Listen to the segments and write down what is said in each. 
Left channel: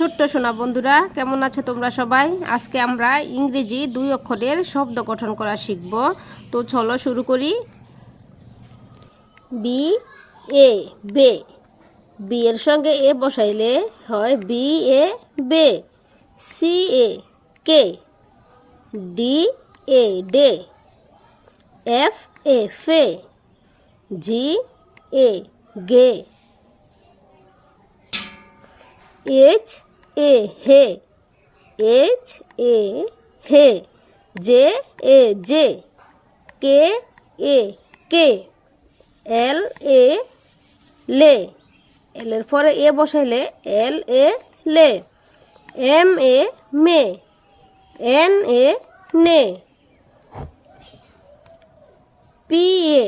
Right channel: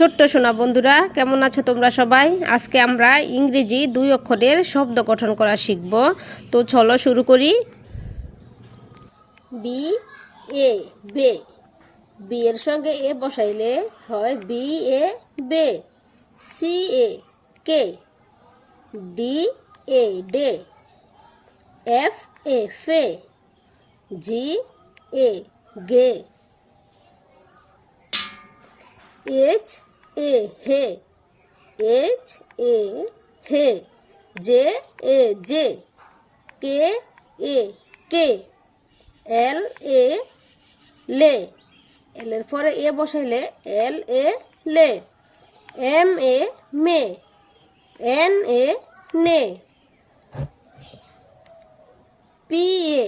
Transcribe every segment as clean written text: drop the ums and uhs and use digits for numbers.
ছোট্ট সোনা বন্ধুরা, কেমন আছো তোমরা সবাই? আজকে আমরা ইংরেজি 2 অক্ষরের শব্দ গঠন করা শিখব। তো চলো শুরু করি। বি এ বে। বি এর সঙ্গে এ বসাইলে হয় বি এ বে। সি এ কে। ডি এ ডে। এফ এ ফে। জি এ গে। এইচ এ হে। এইচ এ হে। জে এ জে। কে এ কে। এল এ লে। এল এর পরে এ বসাইলে এল এ লে। M A May. N A নে। P A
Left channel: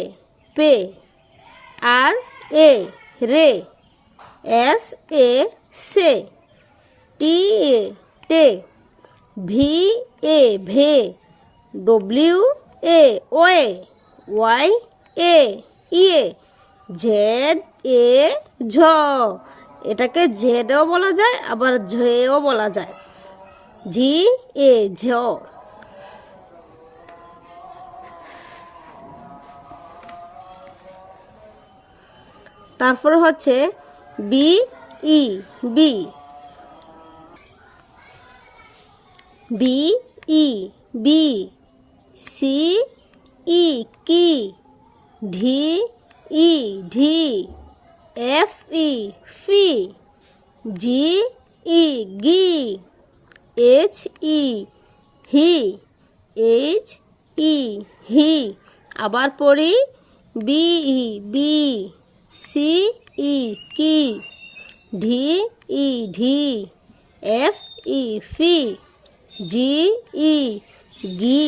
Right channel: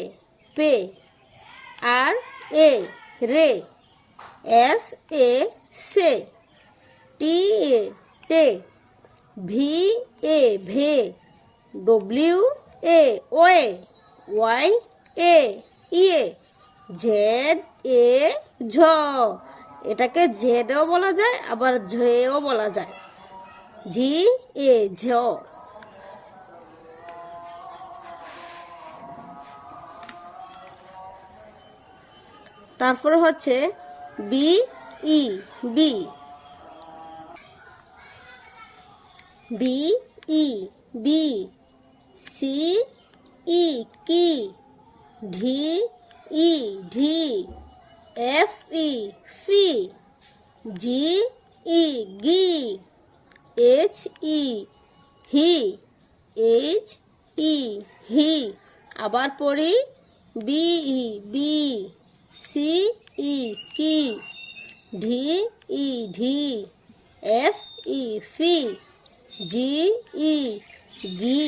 pay. আর এ রে। S A say. T A টে। ভি এ ভে। ডব্লিউ এ ওয়ে। ওয়াই এ ইয়ে। জেড এ ঝ। এটাকে জেডও বলা যায়, আবার ঝেও বলা যায়। জি এ ঝ। তারপর হচ্ছে বি ই বি। বি ই বি। সি ই কি। ঢি ই ঢি। এফ ই ফি। জি ই গি। এইচ ই হি। এইচ ই হি। আবার পড়ি বি ই বি। সি ই কি। ঢি ই ঢি। এফ ই ফি। জি ই গি।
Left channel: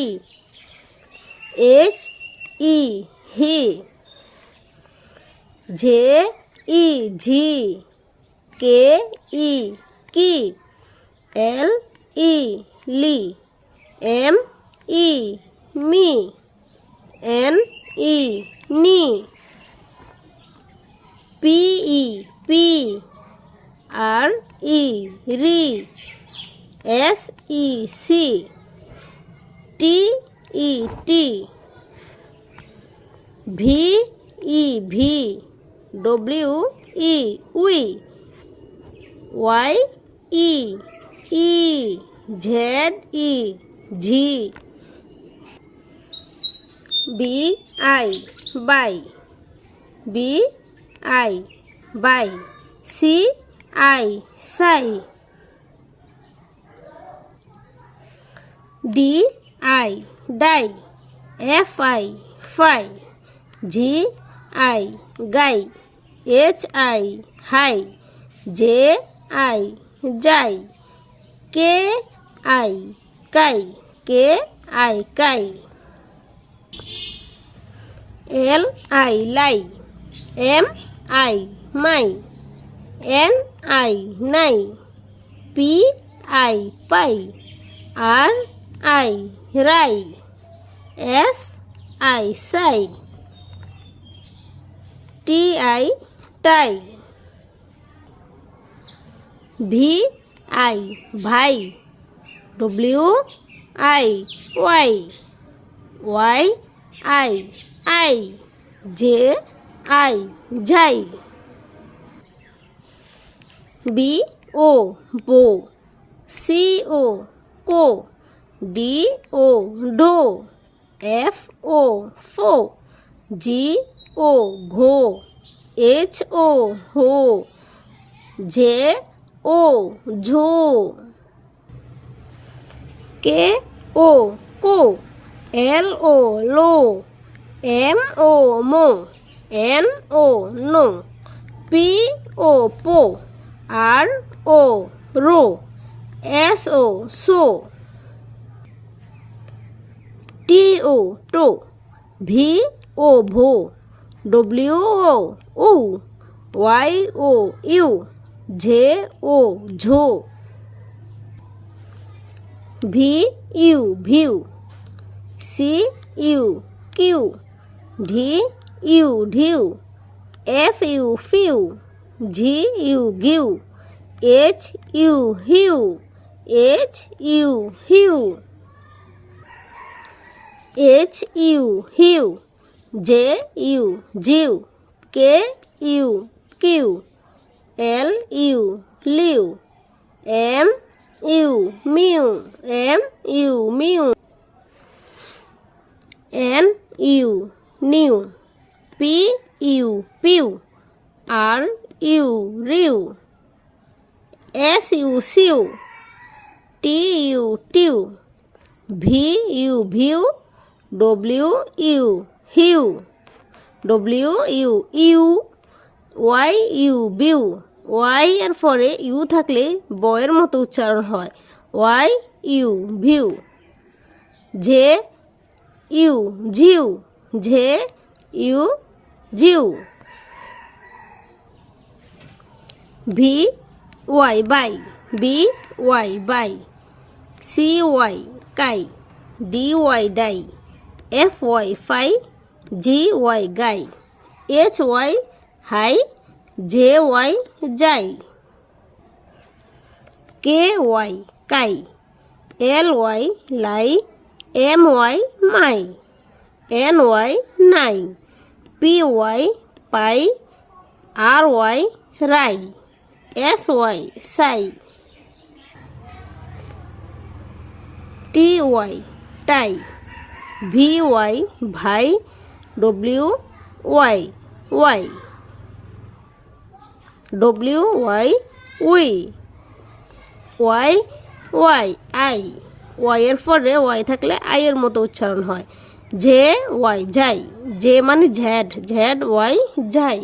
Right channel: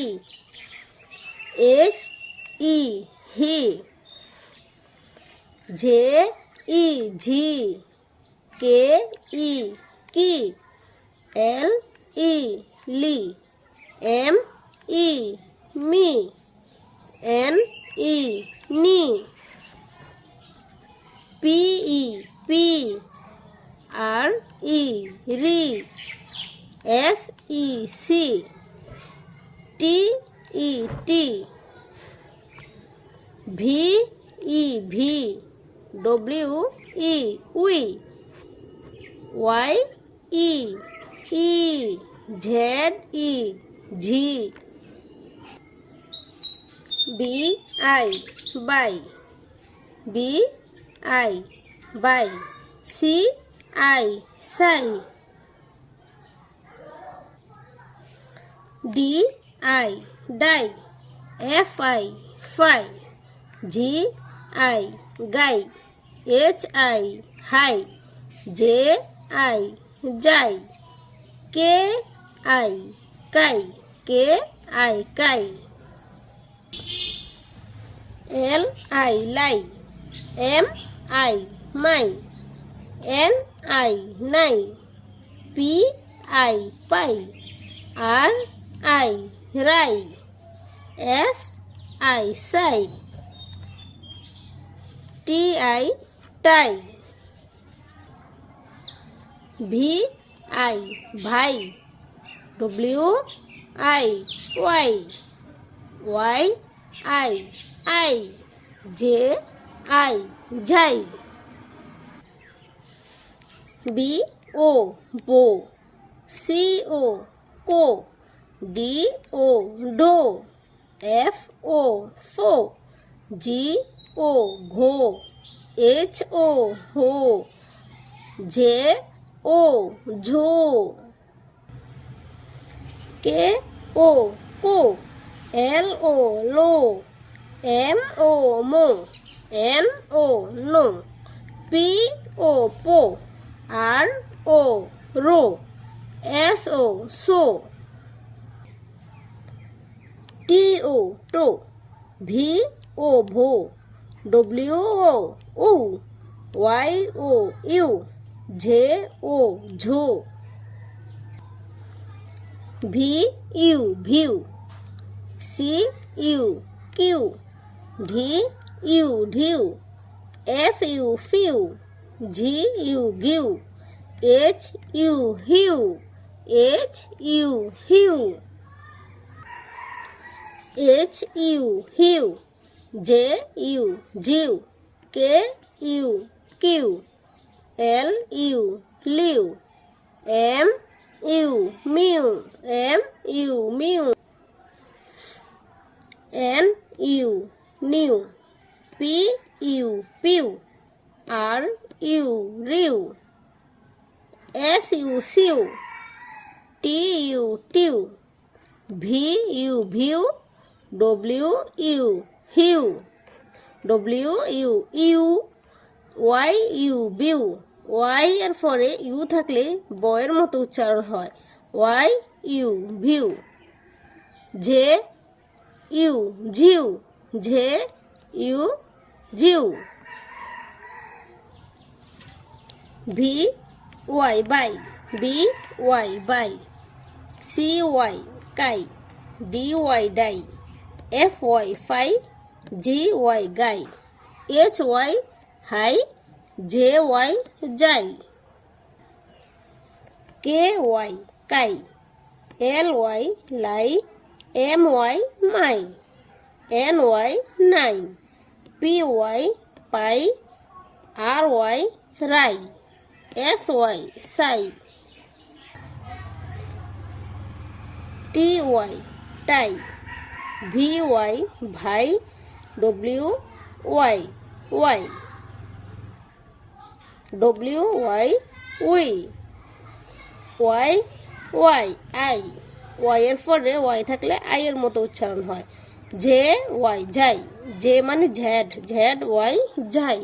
এইচ ই হি। জে ই ঝি। কে ই কি। এল ই লি। এম ই মি। এন ই নি। পি ই পি। আর ই রি। এস ই সি। টি ই টি। ভি ই ভি। ডব্লিউ ই উই। ওয়াই ই ই। জেড ই ঝি। বি আই বাই। বি আই বাই। সি আই সাই। ডি আই ডাই। এফ আই ফাই। জি আই গাই। এইচ আই হাই। জে আই যাই। কে আই কাই। কে আই কাই। L I lie. M I মাই। এন আই নাই। পি আই পাই। আর আই রাই। এস আই সাই। টি আই টাই। ভি আই ভাই। ডব্লিউ আই ওয়াই। ওয়াই আই আই। জে আই যাই। বি ও বো। সি ও কো। ডি ও ডো। এফ ও ফো। জি ও ঘো। এইচ ও হো। জে ও ঝো। কে ও কো। এল ও লো। এম ও মো। এন ও নো। পি ও পো। আর ও রো। এস ও সো। টি ও টো। ভি ও ভো। ডব্লিউ ও উ। ওয়াই ও ইউ। জে ও ঝো। ভি ইউ ভিউ। সি ইউ কিউ। ডি ইউ ঢিউ। এফ ইউ ফিউ। জি ইউ গিউ। এইচ ইউ হিউ, এইচ ইউ হিউ, এইচ ইউ হিউ, জে ইউ জিউ, কে ইউ কিউ, এল ইউ লিউ, এম ইউ মিউ, এম ইউ মিউ, এন ইউ নিউ, পি ইউ পিউ, আর ইউ রিউ, এস ইউ সিউ, T you tube, V U ভিউ, ডব্লিউ ইউ হিউ, ডব্লিউ ইউ ইউ, ওয়াই ইউ বিউ, ওয়াই এর পরে ইউ থাকলে বয়ের মতো উচ্চারণ হয়, ওয়াই ইউ ভিউ, জে ইউ জিউ, জে ইউ জিউ, ভি ওয়াই বাই, বি ওয়াই বাই, সি ওয়াই কাই, ডি ওয়াই ডাই, এফ ওয়াই ফাই, জি ওয়াই গাই, এইচ ওয়াই হাই, জে ওয়াই যাই, কে ওয়াই কাই, এল ওয়াই লাই, এম ওয়াই মাই, এন ওয়াই নাই, পি ওয়াই পাই, আর ওয়াই রাই, এস ওয়াই সাই, টি ওয়াই টাই, ভি ওয়াই ভাই, ডব্লিউ ওয়াই ওয়াই, ডব্লিউ ওয়াই উই, ওয়াই ওয়াই আই, ওয়াই এর পরে ওয়াই থাকলে আই এর মতো উচ্চারণ হয়, জে ওয়াই যাই, জে মানে ঝ্যাড, ঝ্যাড ওয়াই যাই।